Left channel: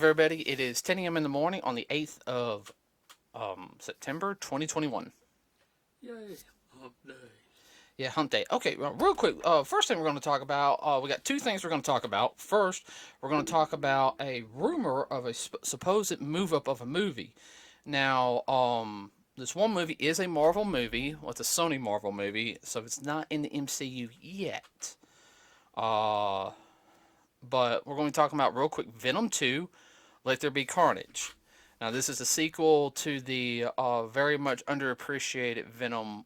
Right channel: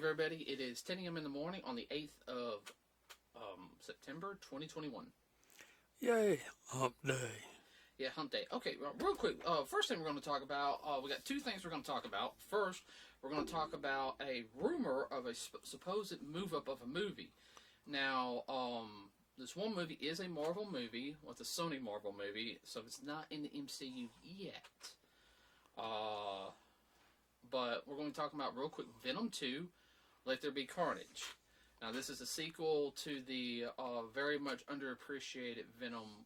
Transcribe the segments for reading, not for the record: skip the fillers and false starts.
morning, everybody. It is 10 a.m. in the morning on the 8th of September 2021. Yay, hump day. Yeah, hump day. Okay, well, real quick. First thing we're going to talk about, we got two things we're going to talk about. First, we're going to talk about a rumor of a supposed move up of a movie. Now, this one movie is a Marvel movie. Well, it's a Sony Marvel movie, so it's not in the MCU yet. Uh, but we're going to be talking about real quick Venom 2, Let There Be Carnage. Now, this is a sequel to the very much underappreciated Venom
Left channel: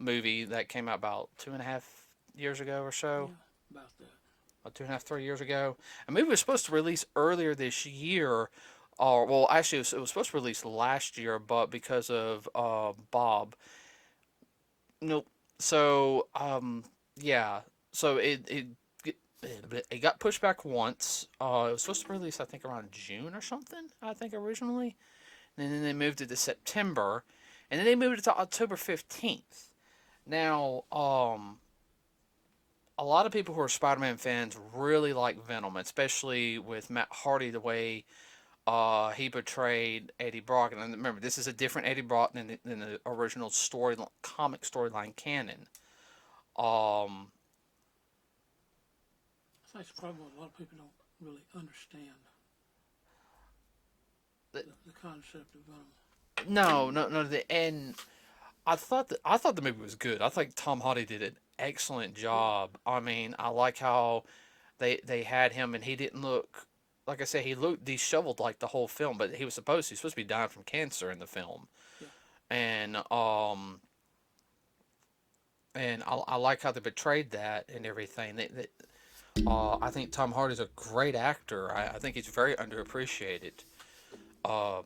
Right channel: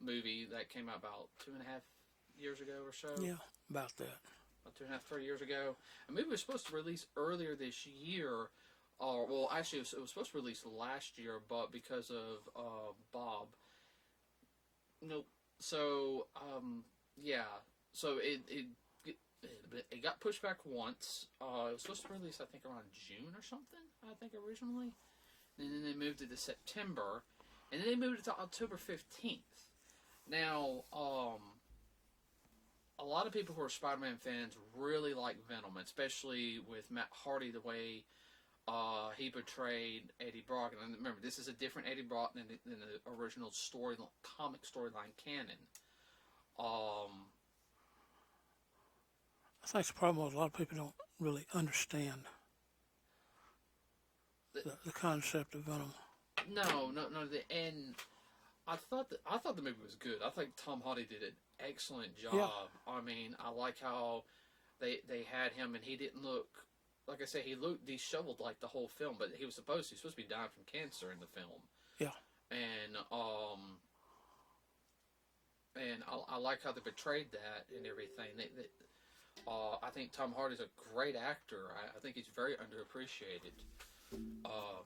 movie that came out about 2.5 years ago or so. Yeah, about that. About 2.5, 3 years ago. A movie was supposed to release earlier this year. Well, actually, it was supposed to release last year, but because of Bob. Nope. So, yeah. So it got pushed back once. It was supposed to release, I think, around June or something, I think, originally. And then they moved it to September. And then they moved it to October 15th. Now, a lot of people who are Spider-Man fans really like Venom, especially with Matt Hardy, the way he portrayed Eddie Brock. And remember, this is a different Eddie Brock than the original comic storyline canon. Um, I think the problem is a lot of people don't really understand the concept of Venom. no. And I thought the movie was good. I think Tom Hardy did an excellent Yeah, job. I mean, I like how they had him, and he didn't look, like I said, he looked disheveled like the whole film, but he's supposed to be dying from cancer in the film, yeah. and I like how they portrayed that and everything. I think Tom Hardy's a great actor. I think he's very underappreciated. Um,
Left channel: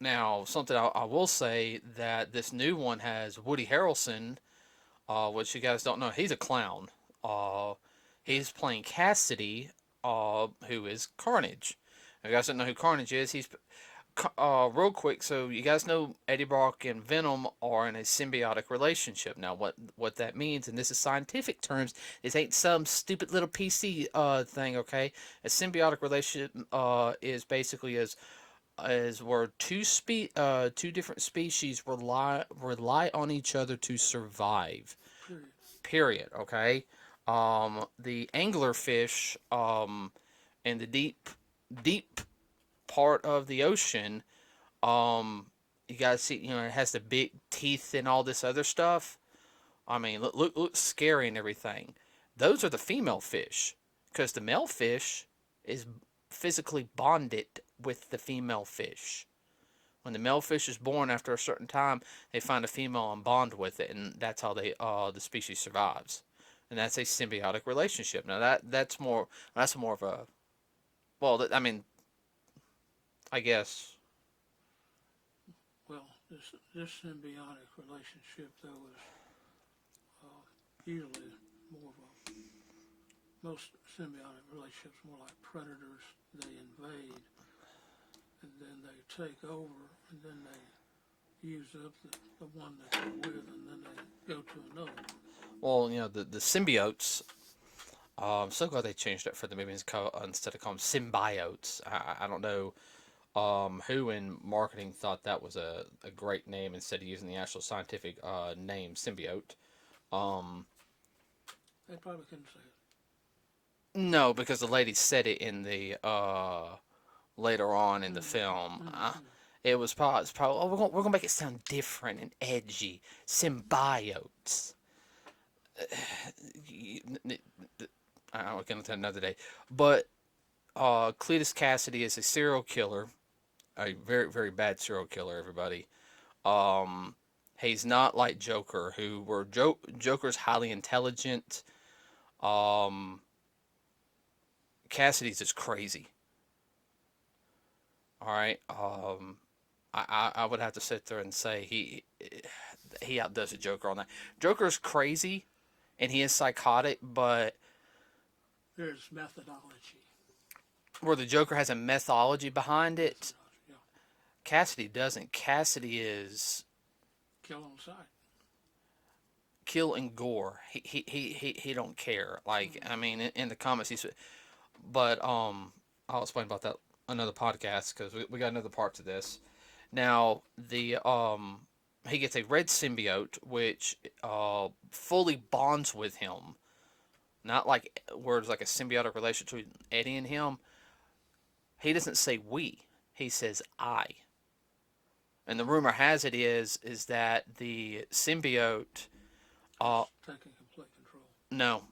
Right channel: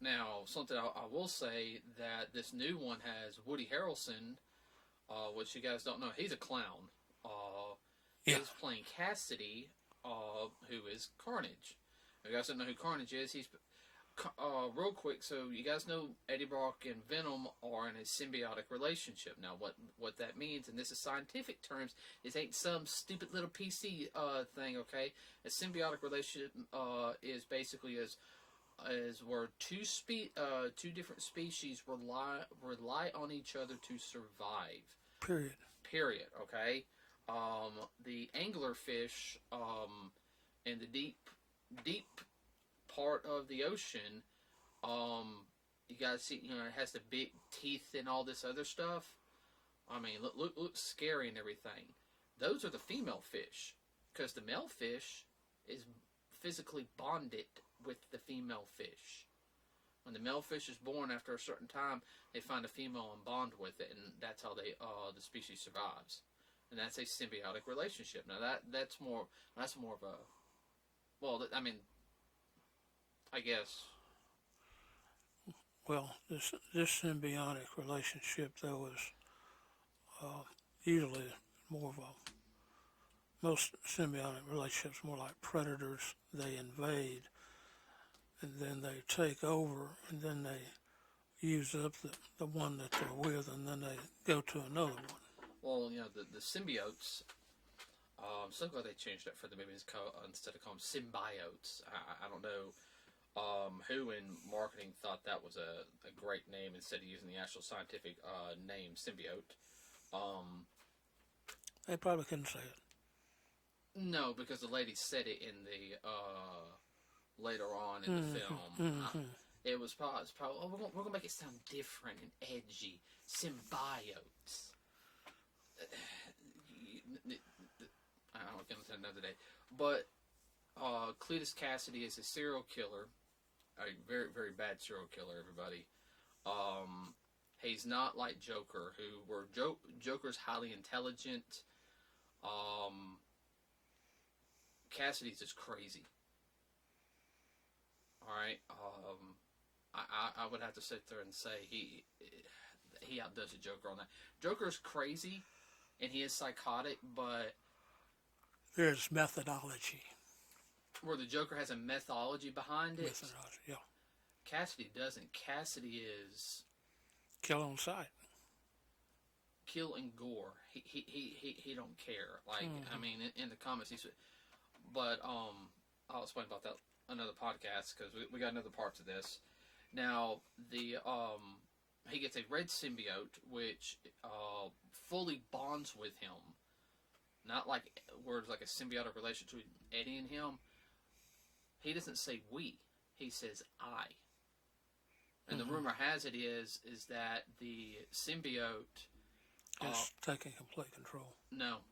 Now, something I will say that this new one has Woody Harrelson, which you guys don't know. He's a clown. Yeah. He's playing Cassidy, who is Carnage. If you guys don't know who Carnage is, he's real quick. So you guys know Eddie Brock and Venom are in a symbiotic relationship. Now, what that means, and this is scientific terms, this ain't some stupid little PC thing. Okay, a symbiotic relationship is basically as where two different species rely on each other to survive. Period. Period. Okay. The anglerfish in the deep part of the ocean. You guys see, it has the big teeth and all this other stuff. I mean, look scary and everything. Those are the female fish, because the male fish is physically bonded with the female fish. When the male fish is born, after a certain time, they find a female and bond with it, and that's how the species survives. And that's a symbiotic relationship. Now that's more of a, well, I mean, I guess. Well, this symbiotic relationship though is uh, usually more of a most symbiotic relationships more like predators. They invade and then they take over and then they use up the one that they're with and then they go to another one. Well, the symbiotes. I'm so glad they changed it for the movie instead of calling them symbiotes. I don't know who in marketing thought that was a great name instead of using the actual scientific name symbiote. Um, They probably couldn't say it. no, because the lady said it in the later on in the film. Mm-hmm. It's probably, oh, we're gonna make it sound different and edgy. Symbiotes. I'll get into that another day. But Cletus Cassidy is a serial killer, a very very bad serial killer. Everybody. Um, he's not like Joker, Joker's highly intelligent. Um, Cassidy's just crazy. All right. I would have to sit there and say he outdoes the Joker on that. Joker's crazy, and he is psychotic, but There's methodology. where the Joker has a methodology behind it, Methodology, yeah. Cassidy doesn't. Cassidy is Kill on sight. kill and gore. He don't care. Like, I Mm-hmm. mean, in the comics, he's. But I'll explain about that another podcast because we got another part to this. Now the he gets a red symbiote which fully bonds with him. Not like words like a symbiotic relationship between Eddie and him. He doesn't say we. He says I. And the Mm-hmm. rumor has it is that the symbiote. It's taking complete control. No,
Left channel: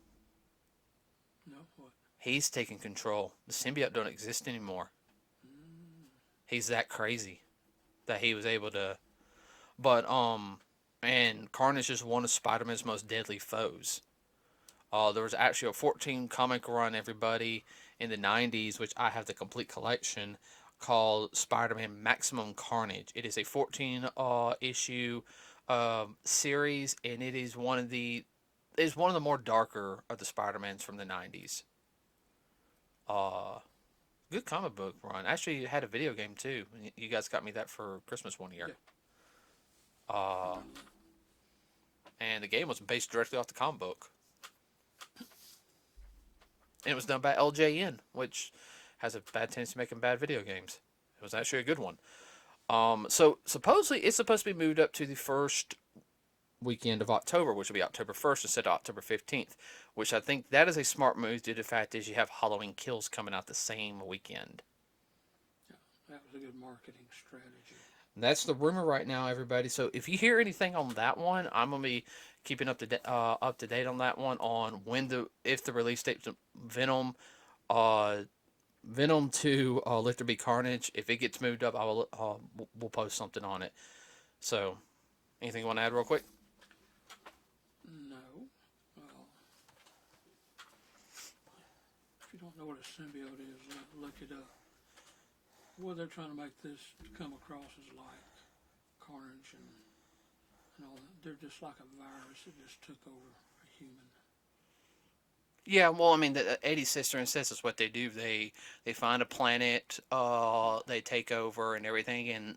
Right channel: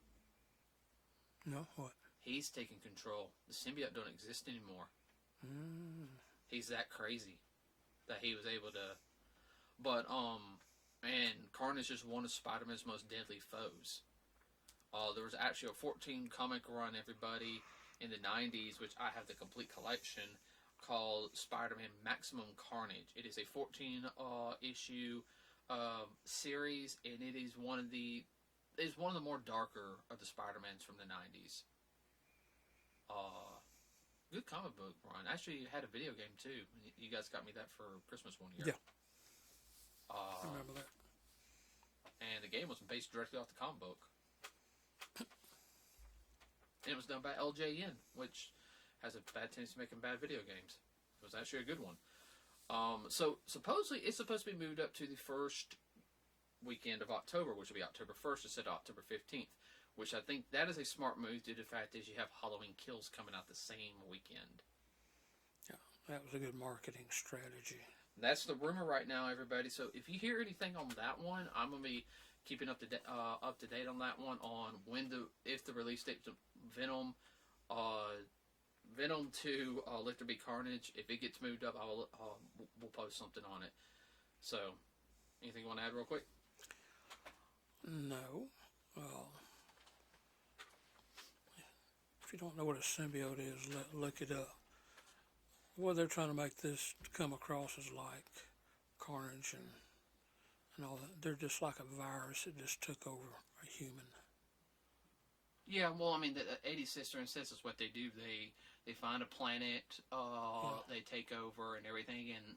No, what? he's taking control. The symbiote don't exist anymore. Mm. He's that crazy that he was able to. But and Carnage is one of Spider-Man's most deadly foes. There was actually a 14 comic run, everybody, in the 90s, which I have the complete collection, called Spider-Man Maximum Carnage. It is a 14 issue series, and it is one of the more darker of the Spider-Mans from the 90s. Uh, Good comic book run. Actually, it had a video game too. You guys got me that for Christmas one year. Yeah, I Um, remember that. and the game was based directly off the comic book. And it was done by LJN, which has a bad tendency to making bad video games. It was actually a good one. So supposedly it's supposed to be moved up to the first weekend of October, which will be October 1st instead of October 15th, which I think that is a smart move due to the fact is you have Halloween Kills coming out the same weekend. Yeah, that was a good marketing strategy. That's the rumor right now, everybody. So if you hear anything on that one, I'm gonna be keeping up to date on that one on when the if the release date of Venom, uh, Venom 2, Let There Be Carnage. If it gets moved up, I will we'll post something on it. So anything you want to add real quick? No. Well, if you don't know what a symbiote is, look it up. What they're trying to make this come across as like Carnage and all that. They're just like a virus that just took over a human. Yeah, well, I mean, the Eddie's sister and says is what they do. They find a planet, they take over and everything, and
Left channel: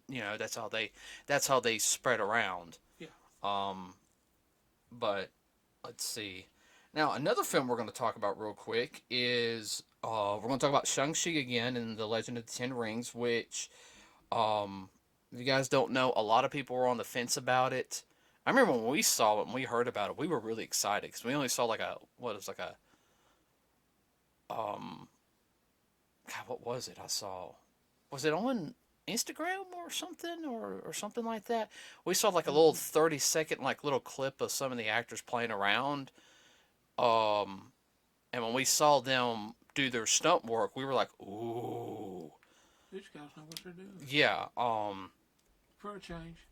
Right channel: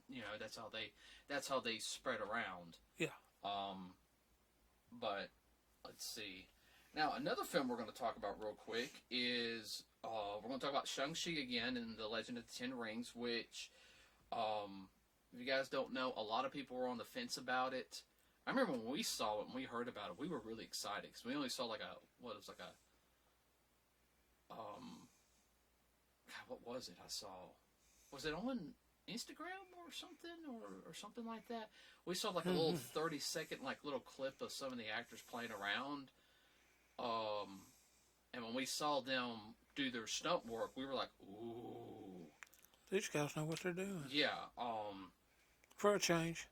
that's how they spread around. Yeah. Um, but let's see. Now, another film we're going to talk about real quick is we're going to talk about Shang-Chi again and the Legend of the Ten Rings, which, if you guys don't know, a lot of people were on the fence about it. I remember when we saw it and we heard about it, we were really excited because we only saw like a what was like a um God, what was it? I saw was it on Instagram or something or something like that? We saw like a little Mm-hmm. 30-second like little clip of some of the actors playing around. Um, and when we saw them do their stunt work, we were like, ooh, These guys know what they're doing. yeah. For a change.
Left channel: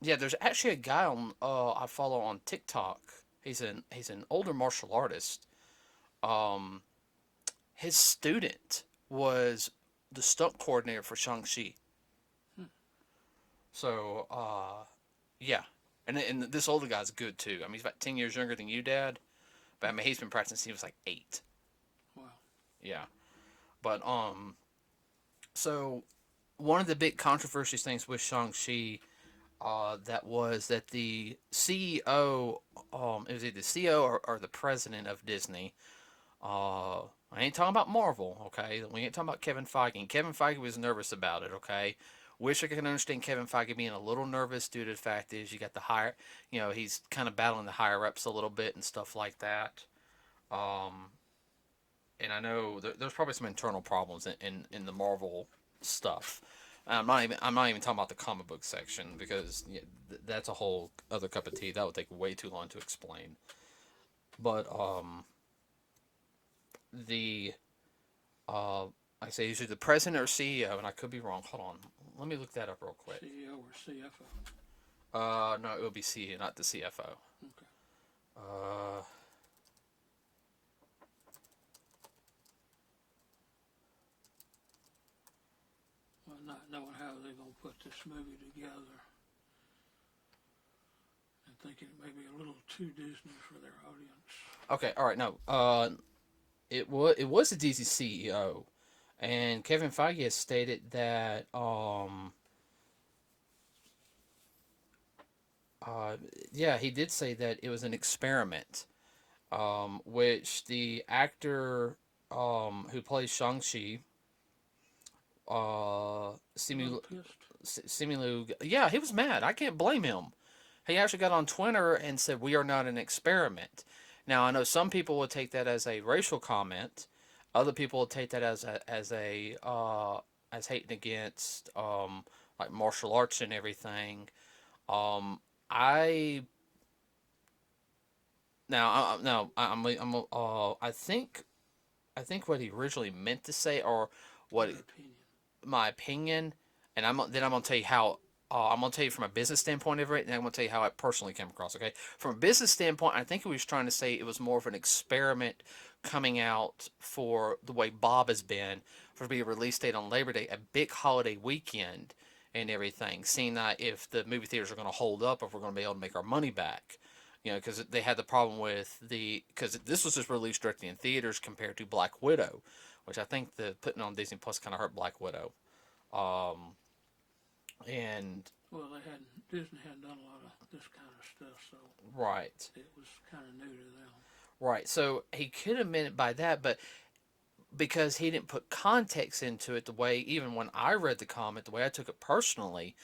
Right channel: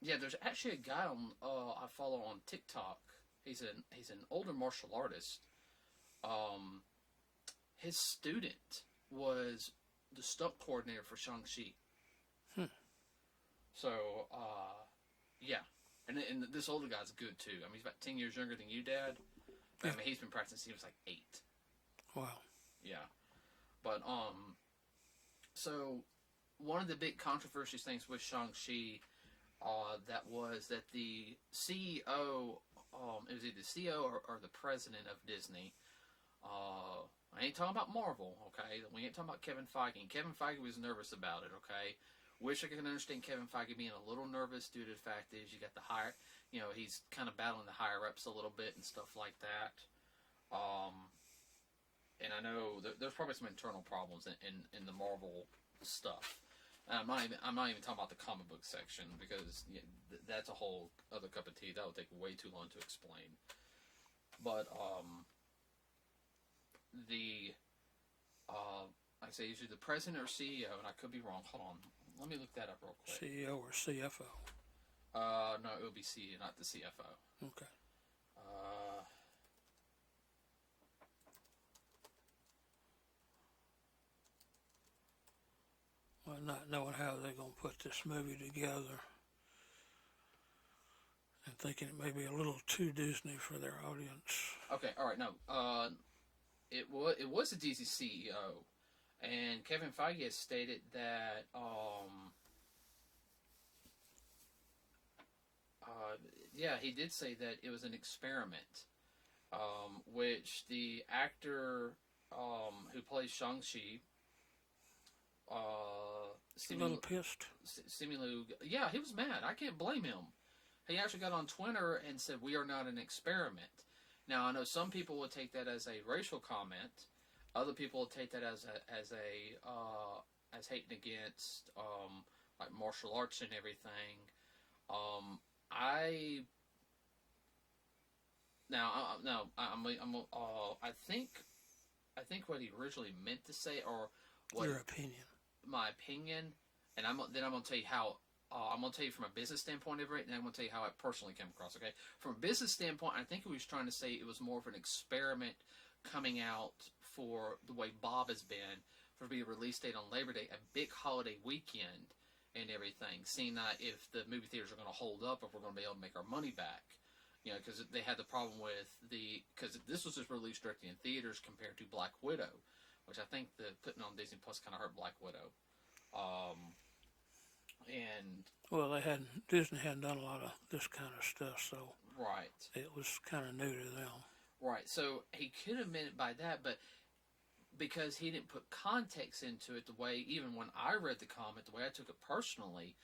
Yeah. There's actually a guy on I follow on TikTok. He's an older martial artist. Um, his student was the stunt coordinator for Shang-Chi. Hmm. So, yeah. And this older guy's good too. I mean, he's about 10 years younger than you, Dad. But I Yeah. mean, he's been practicing since he was like 8. Wow. Yeah. But, so one of the big controversial things with Shang-Chi, that was that the CEO, it was either the CEO or the president of Disney. I ain't talking about Marvel, okay? We ain't talking about Kevin Feige. And Kevin Feige was nervous about it, okay? Wish I could understand Kevin Feige being a little nervous due to the fact is you got the higher, he's kind of battling the higher ups a little bit and stuff like that. Um, and I know there's probably some internal problems in the Marvel stuff. I'm not even talking about the comic book section because that's a whole other cup of tea. That would take way too long to explain. But the like I say usually the president or CEO, and I could be wrong. Hold on, let me look that up real quick. CEO or CFO. No, it would be CEO, not the CFO. Okay. Uh, Well, not knowing how they're going to put this movie together and thinking it may be a little too Disney for their audience. okay, all right, no. It was the DC CEO, and Kevin Feige has stated that yeah, he did say that it was an experiment, which the actor who plays Shang-Chi, A little pissed. Simu, yeah, he was mad. I can't blame him. He actually got on Twitter and said, "We are not an experiment." Now, I know some people would take that as a racial comment. Other people would take that as hating against like martial arts and everything. Um, I now no I think what he originally meant to say, or what Your opinion. my opinion, and I'm gonna tell you how. I'm gonna tell you from a business standpoint of it, and I'm gonna tell you how it personally came across. Okay, from a business standpoint, I think he was trying to say it was more of an experiment coming out for the way Bob has been for to be a release date on Labor Day, a big holiday weekend, and everything. Seeing that if the movie theaters are gonna hold up, if we're gonna be able to make our money back. You know, because they had the problem with because this was just released directly in theaters compared to Black Widow, which I think the putting on Disney Plus kind of hurt Black Widow. Um, and Well, Disney hadn't done a lot of this kind of stuff, so right, it was kind of new to them. right. So he could have meant it by that, but because he didn't put context into it, the way even when I read the comment, the way I took it personally,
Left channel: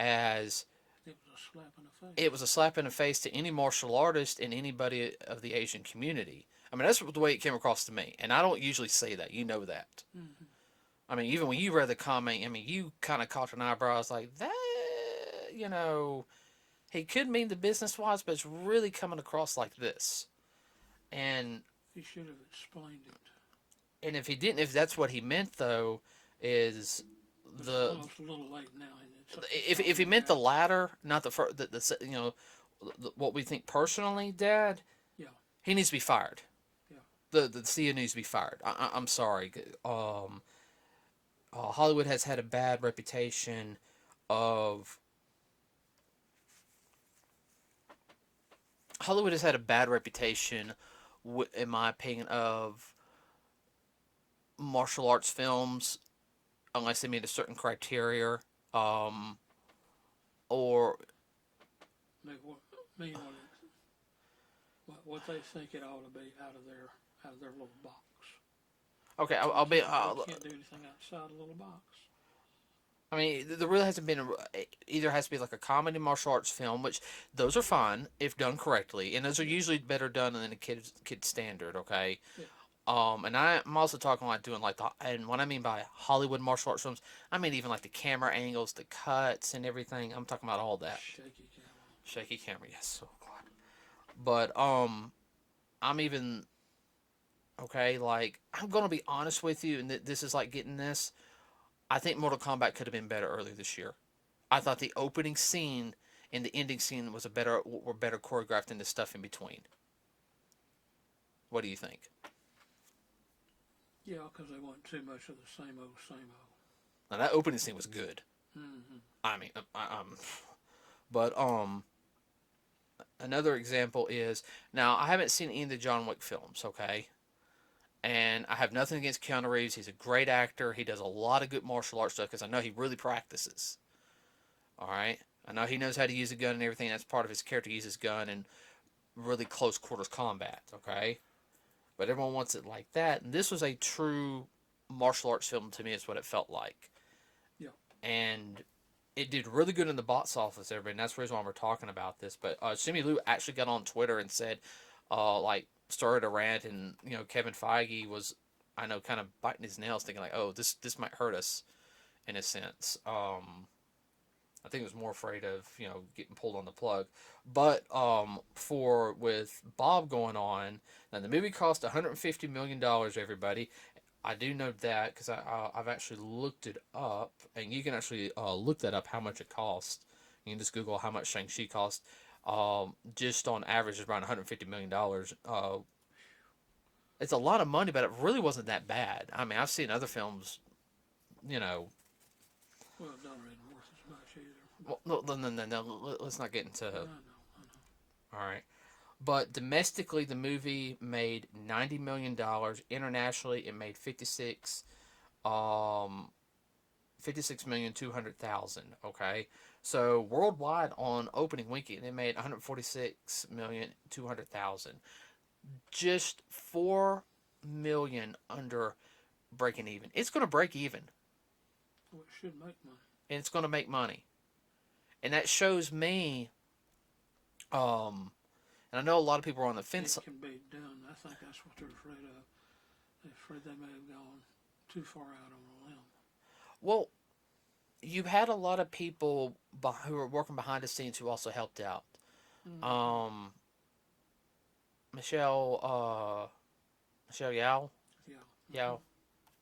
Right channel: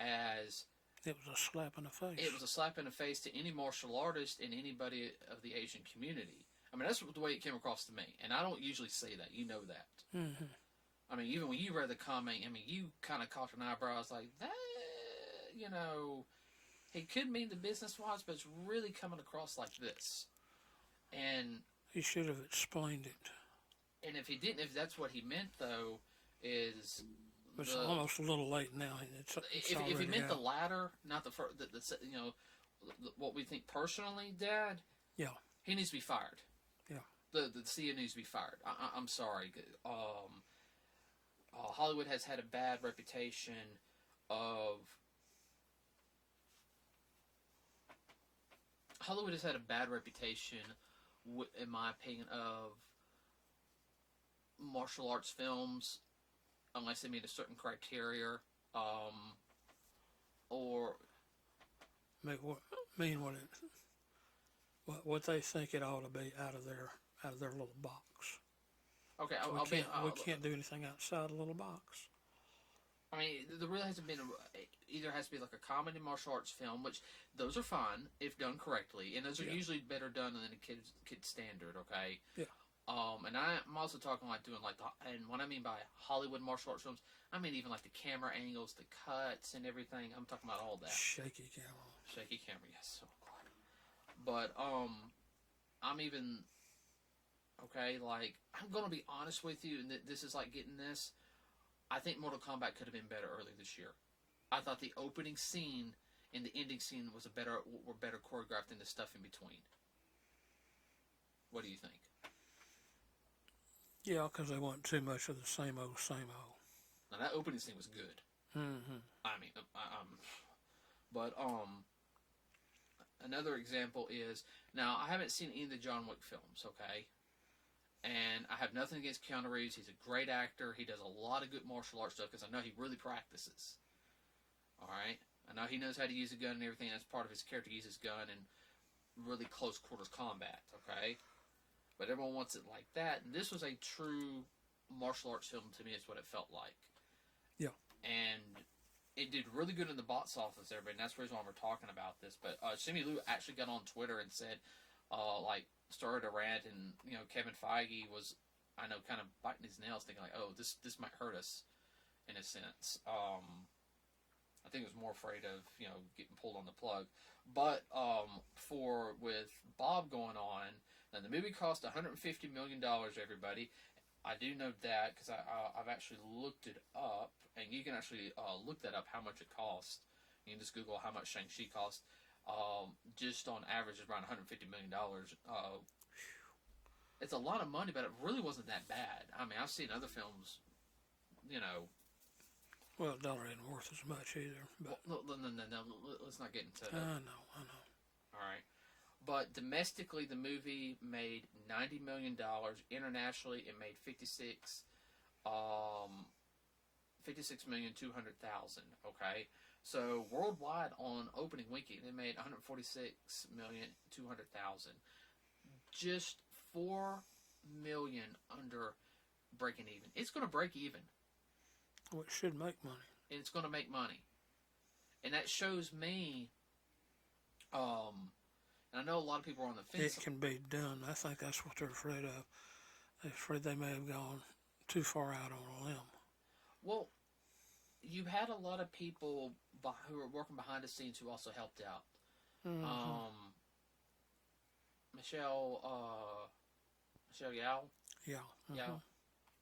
as It was a slap in the it face. was a slap in the face to any martial artist and anybody of the Asian community. I mean, that's the way it came across to me, and I don't usually say that. You know that. Mm-hmm. I mean, even when you read the comment, I mean, you kind of caught an eyebrow. I was like, that, you know, he could mean the business wise, but it's really coming across like this. And He should have explained it. if he didn't, if that's what he meant though, is It's the almost a little late now. if he Already meant the out. latter, not the first, you know, what we think personally, Dad, Yeah, he needs to be fired. yeah. The CEO needs to be fired. I'm sorry. Hollywood has had a bad reputation of Hollywood has had a bad reputation, in my opinion, of martial arts films unless they meet a certain criteria, um, or Make what mean what they think it ought to be out of their little box. okay, We I'll be. can't we can't do anything outside the little box. I mean, there really hasn't been either has to be like a comedy martial arts film, which those are fine if done correctly, and those are Yeah, usually better done than a kid standard. Okay, yeah. and I'm also talking like doing like and what I mean by Hollywood martial arts films, I mean even like the camera angles, the cuts, and everything. I'm talking about all that. Shaky camera. Shaky camera, yes. Oh God. But I'm even okay. Like I'm gonna be honest with you, and this is like getting this. I think Mortal Kombat could have been better earlier this year. I thought the opening scene and the ending scene were better choreographed than the stuff in between. What do you think? Yeah, because they want too much of the same old, same old. Now that opening scene was good. Mm-hmm. I mean, but another example is now I haven't seen any of the John Wick films. Okay, and I have nothing against Keanu Reeves. He's a great actor. He does a lot of good martial arts stuff because I know he really practices. All right, I know he knows how to use a gun and everything. That's part of his character. He uses gun and really close quarters combat. Okay, but everyone wants it like that. And this was a true martial arts film to me. Is what it felt like, Yeah. and it did really good in the box office. Everybody, and that's the reason why we're talking about this. But Simu Liu actually got on Twitter and said, like started a rant, and you know Kevin Feige was, I know, kind of biting his nails, thinking like, oh, this might hurt us in a sense. I think he was more afraid of getting pulled on the plug. But for with Bob going on, now the movie cost $150 million. Everybody, I do know that because I've actually looked it up, and you can actually look that up how much it cost. You can just Google how much Shang-Chi cost. Just on average, it's around $150 million. It's a lot of money, but it really wasn't that bad. I mean, I've seen other films, you know. Well, a dollar isn't worth as much either. But Well, no. Let's not get into. I know. All right. But domestically, the movie made $90 million. Internationally, it made 56,200,000. Okay, so worldwide on opening weekend, it made 146,200,000. Just 4 million under breaking even. It's going to break even, Well, it should make money. and it's going to make money, and that shows me. And I know a lot of people are on the fence. It can be done. I think that's what they're afraid of. They're afraid they may have gone too far out on a limb. Well, you had a lot of people who were working behind the scenes who also helped out. Mm-hmm. Um, Michelle, Michelle Yao, Yeah. Yao,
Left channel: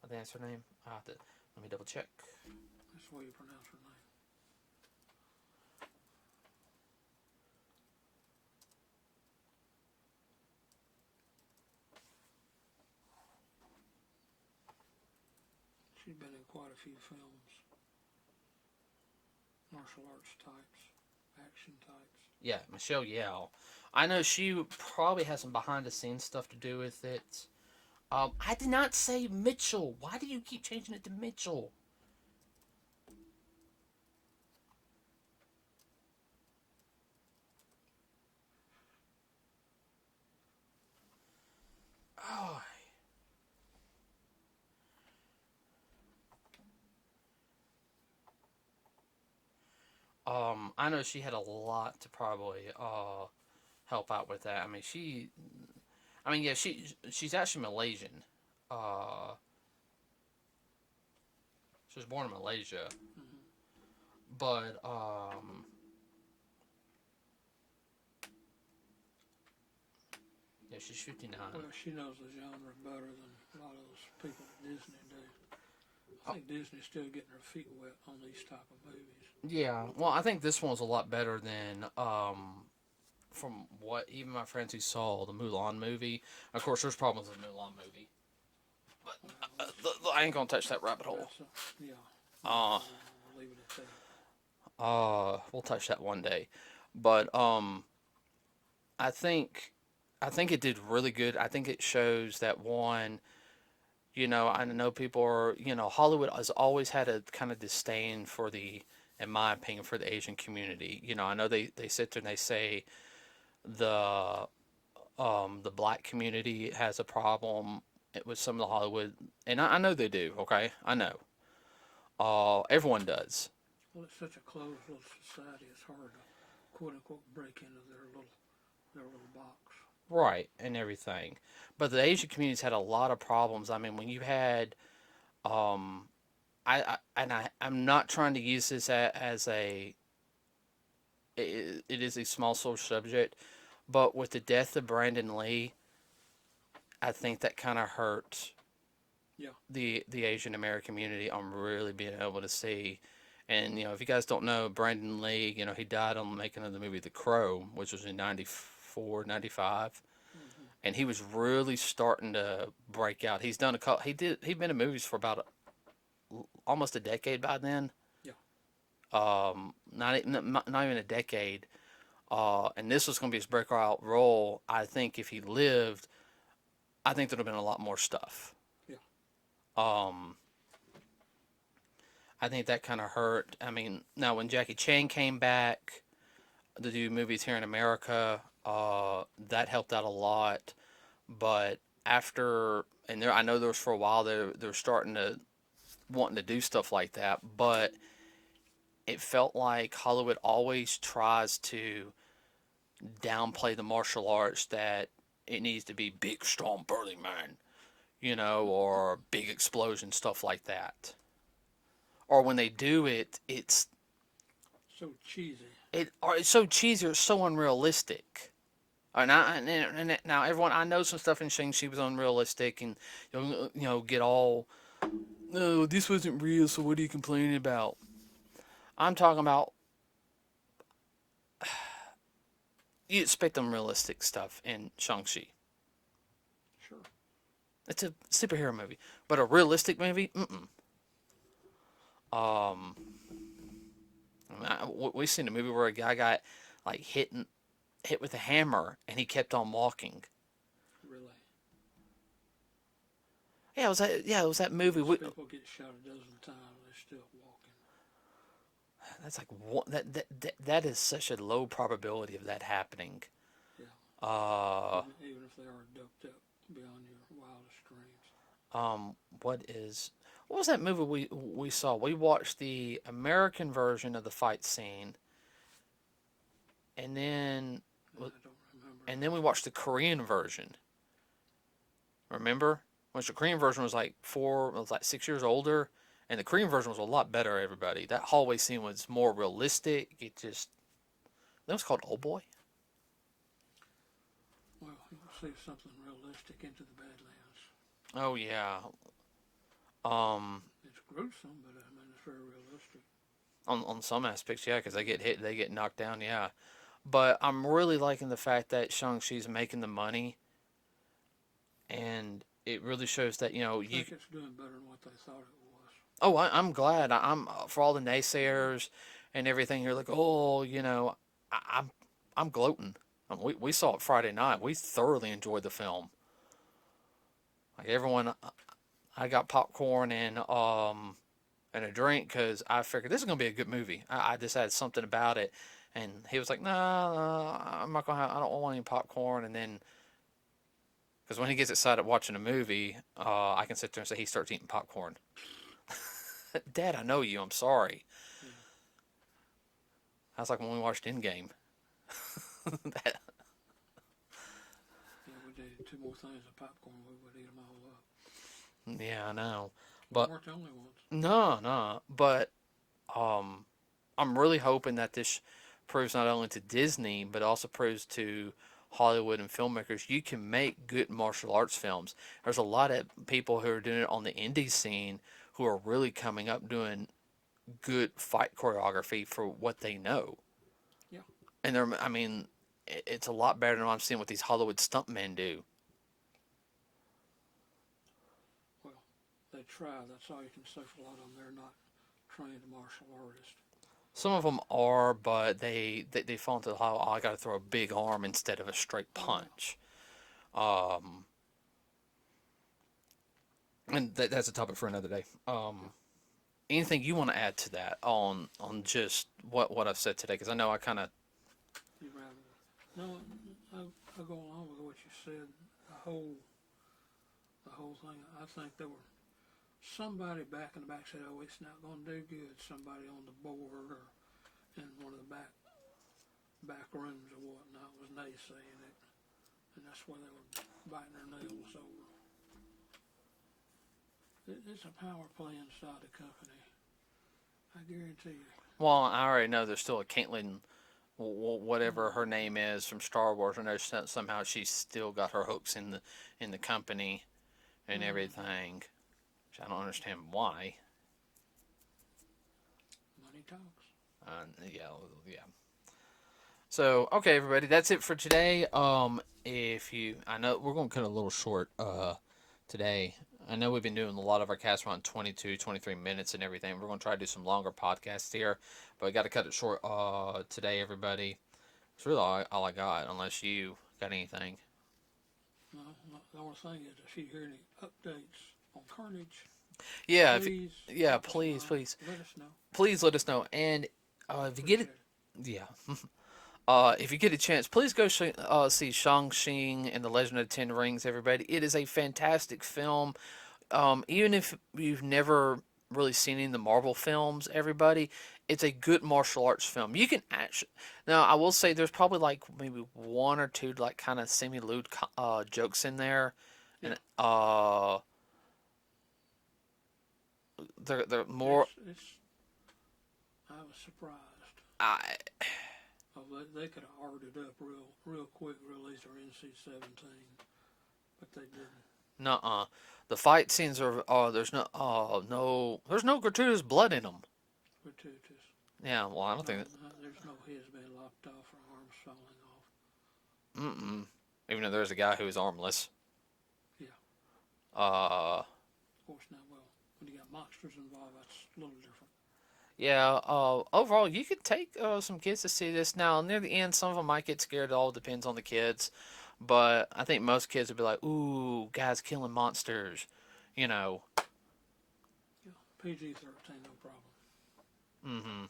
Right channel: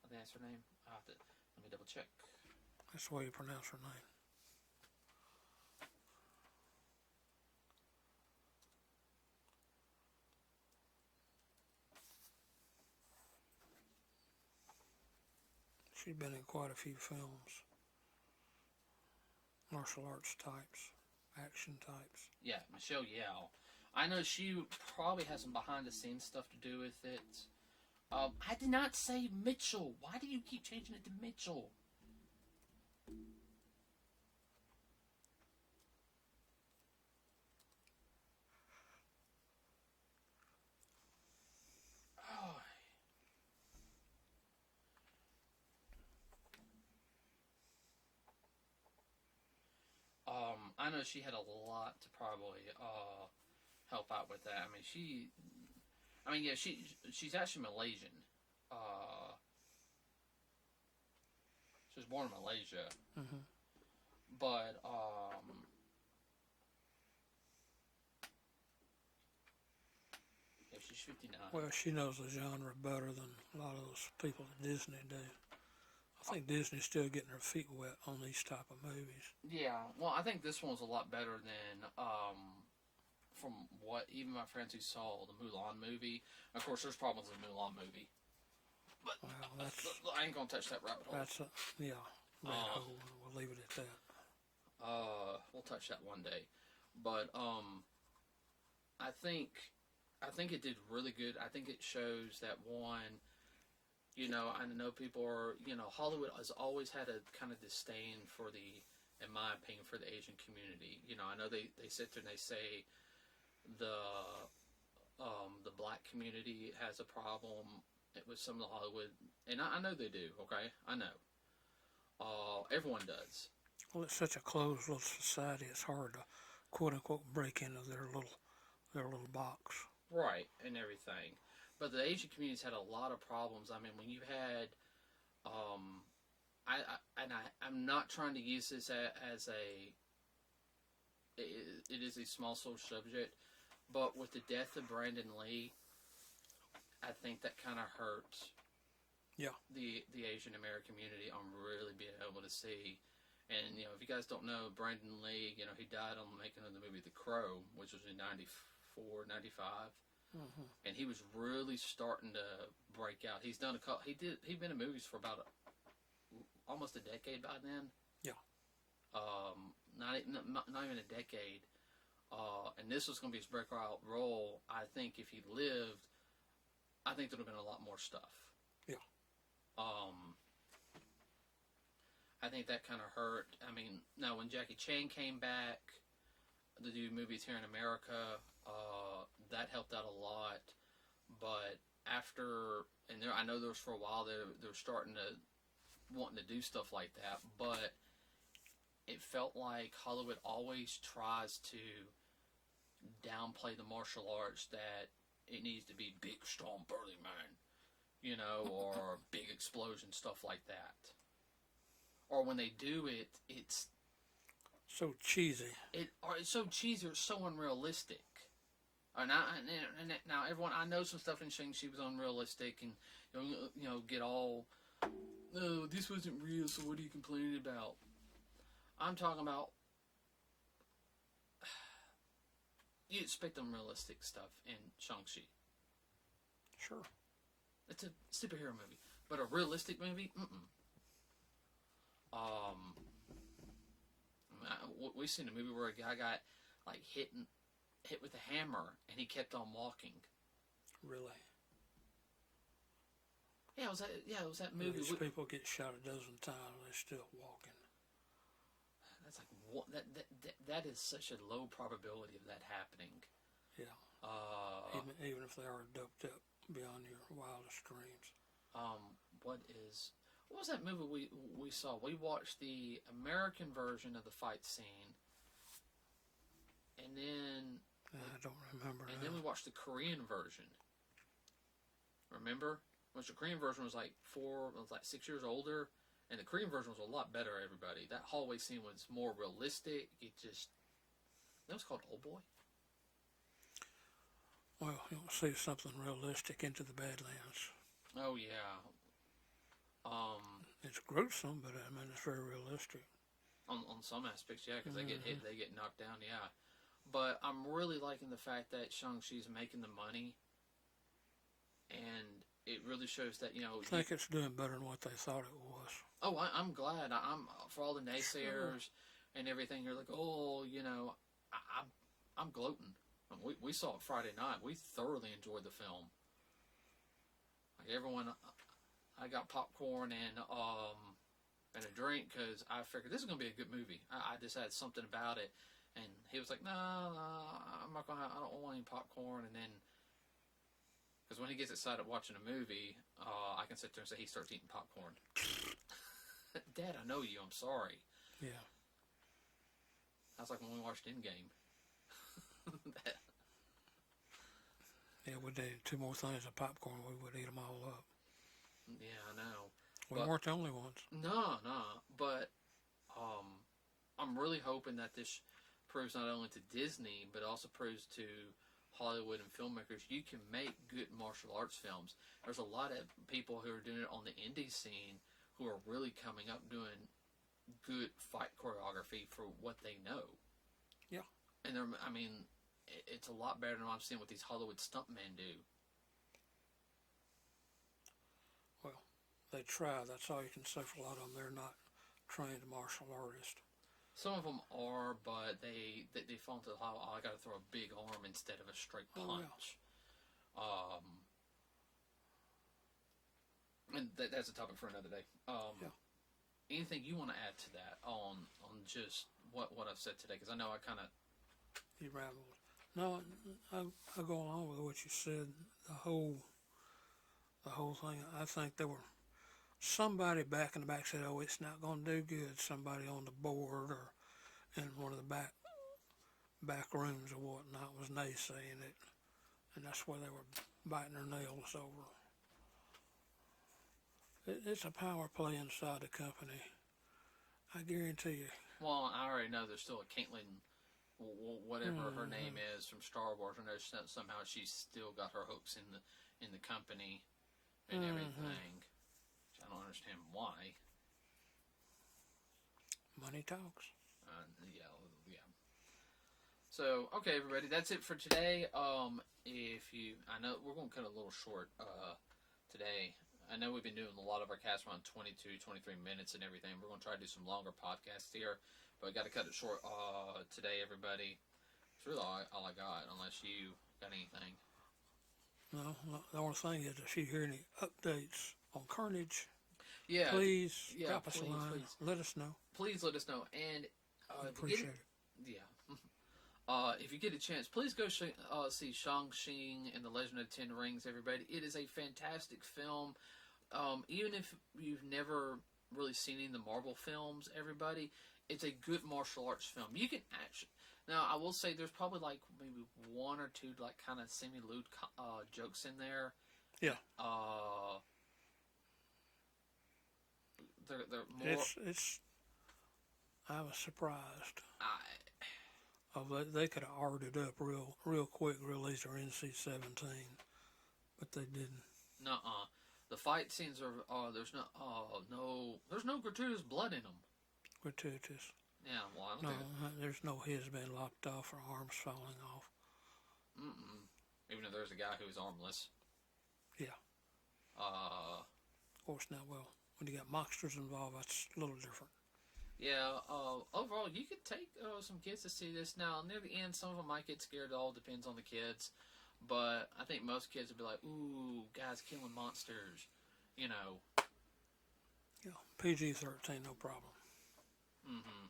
I think that's her name. Let me double check. That's the way you pronounce her name. She's been in quite a few films. Martial arts types, action types. Yeah, Michelle Yao. I know she probably has some behind the scenes stuff to do with it. I did not say Mitchell. Why do you keep changing it to Mitchell? Oh, I know she had a lot to probably help out with that. Yeah, she's actually Malaysian. Uh, she was born in Malaysia, Mm-hmm. but yeah, she's 59. Well, she knows the genre better than a lot of those people at Disney do. I think Disney's still getting their feet wet on these type of movies. Yeah, well, I think this one's a lot better than from what even my friends who saw the Mulan movie. Of course, there's problems with the Mulan movie, but Well, that's I ain't gonna touch that rabbit hole. that's a, yeah. Uh, We'll leave it at that. we'll touch that one day, but I think I think it did really good. I think it shows that one, I know people are, Hollywood has always had a kind of disdain for in my opinion, for the Asian community. I know they sit there and they say the the black community has a problem with some of the Hollywood, and I know they do. Okay, I know. Everyone does. Well, it's such a closed little society. It's hard to quote unquote break into their little box. Right, and everything. But the Asian community's had a lot of problems. I mean, when you had, um, I'm not trying to use this as it is a small social subject, but with the death of Brandon Lee, I think that kind of hurt Yeah. the Asian American community on really being able to see. And if you guys don't know, Brandon Lee, he died on the making of the movie The Crow, which was in 94, 95. Mm-hmm. And he was really starting to break out. He's done a couple. He'd been in movies for about almost a decade by then. Yeah. Not even a decade. And this was going to be his breakout role. I think if he lived, I think there'd have been a lot more stuff. Yeah. Um, I think that kind of hurt. I mean, now when Jackie Chan came back to do movies here in America, that helped out a lot. But after, and I know there was for a while they're starting to wanting to do stuff like that, but it felt like Hollywood always tries to downplay the martial arts, that it needs to be big, strong, burly man, or big explosion, stuff like that. Or when they do it, So cheesy. it's so cheesy, or it's so unrealistic. And now everyone, I know some stuff in Shang-Chi was unrealistic, and get all, no, this wasn't real, so what are you complaining about? I'm talking about, you expect unrealistic stuff in Shang-Chi. Sure. It's a superhero movie, but a realistic movie, mm-mm. Um, we've seen a movie where a guy got like hit with a hammer, and he kept on walking. Really. It was that movie. People get shot a dozen times, they're still walking. That's like that is such a low probability of that happening. Yeah. Uh, Even if they are doped up. beyond your wildest dreams. Um, what was that movie we saw? We watched the American version of the fight scene, and then I don't remember we that. watched the Korean version. Remember? Which the Korean version was like 6 years older, and the Korean version was a lot better. Everybody, that hallway scene was more realistic. That was called Old Boy. Well, you'll see something realistic into the Badlands. Oh yeah. Um, It's gruesome, but I mean, it's very realistic. on some aspects, yeah, because they get Mm-hmm. hit, they get knocked down, yeah. But I'm really liking the fact that Shang-Chi's making the money, and it really shows that I think it's doing better than what they thought it was. Oh, I'm glad. I'm for all the naysayers and everything. You're like, oh, I'm gloating. We saw it Friday night. We thoroughly enjoyed the film. Like everyone, I got popcorn and a drink because I figured this is gonna be a good movie. I just had something about it, and he was like, nah, I'm not gonna. I don't want any popcorn. And then because when he gets excited watching a movie, I can sit there and say he starts eating popcorn. Dad, I know you. I'm sorry. Yeah. That's like when we watched Endgame. that, Yeah, we did two more things of popcorn. We would eat them all up. yeah, I know. We But weren't the only ones. no, no. But um, I'm really hoping that this proves not only to Disney but also proves to Hollywood and filmmakers you can make good martial arts films. There's a lot of people who are doing it on the indie scene who are really coming up doing good fight choreography for what they know. Yeah. And I mean, it's a lot better than what I'm seeing what these Hollywood stuntmen do. Well, they try. That's all you can say for a lot of them. They're not trained martial artists. Some of them are, but they fall into the oh, I got to throw a big arm instead of a straight Oh yeah. punch. And that's a topic for another day. Yeah. Anything you want to add to that on just what I've said today? Because I know I kind of You rattle. No, I go along with what you said. The whole the whole thing. I think there were somebody back in the back said, "Oh, it's not going to do good." Somebody on the board or in one of the back rooms or whatnot was naysaying it, and that's where they were biting their nails over. It's a power play inside the company. I guarantee you. well, I already know there's still a Caitlyn, whatever her name Mm-hmm. is from Star Wars. I know somehow she's still got her hooks in the company and Mm-hmm. everything. Which I don't understand why. Money talks. Yeah, yeah. So okay, everybody, that's it for today. If you, I know we're going to cut a little short today. I know we've been doing a lot of our casts around 22, 23 minutes and everything. We're going to try to do some longer podcasts here, but we got to cut it short today, everybody. It's really all I got, unless you got anything. No, no, the only thing is if you hear any updates on Carnage, Yeah, please yeah, drop us a please, line. please, Let us know. please let us know. And I if you get it, appreciate it. yeah. If you get a chance, please go see Shang-Chi and the Legend of the Ten Rings, everybody. It is a fantastic film. Even if you've never really seen any of the Marvel films, everybody, it's a good martial arts film. You can actually now I will say there's probably like maybe one or two like kind of semi-lewd jokes in there, Yeah, and they're more. it's. I was surprised. I Oh, they could have ordered it up real quick, released their NC-17, but they didn't. nuh-uh. The fight scenes are there's no gratuitous blood in them. Gratuitous. Yeah, well I don't No, think there's no heads being lopped off or arms falling off. mm-mm. Even though there's a guy who's armless. Yeah, Uh, of course not. Well, when you got monsters involved, that's a little different. yeah. Overall, you could take some kids to see this. Now, near the end, some of them might get scared. It all depends on the kids, but I think most kids would be like, "Ooh, guys killing monsters," you know. Yeah, PG-13, no problem. Mm-hmm.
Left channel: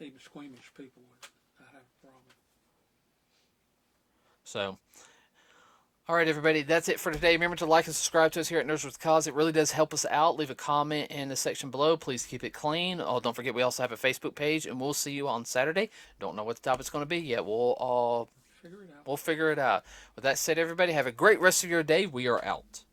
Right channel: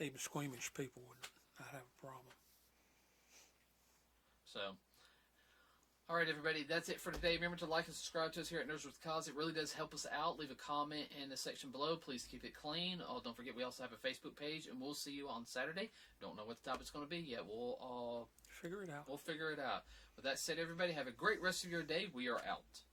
Even squeamish people would not have a problem. So, All right, everybody, that's it for today. Remember to like and subscribe to us here at Nerds with Cause. It really does help us out. Leave a comment in the section below. Please keep it clean. Oh, don't forget we also have a Facebook page, and we'll see you on Saturday. Don't know what the topic's going to be yet. Figure it out. We'll figure it out. With that said, everybody, have a great rest of your day. We are out.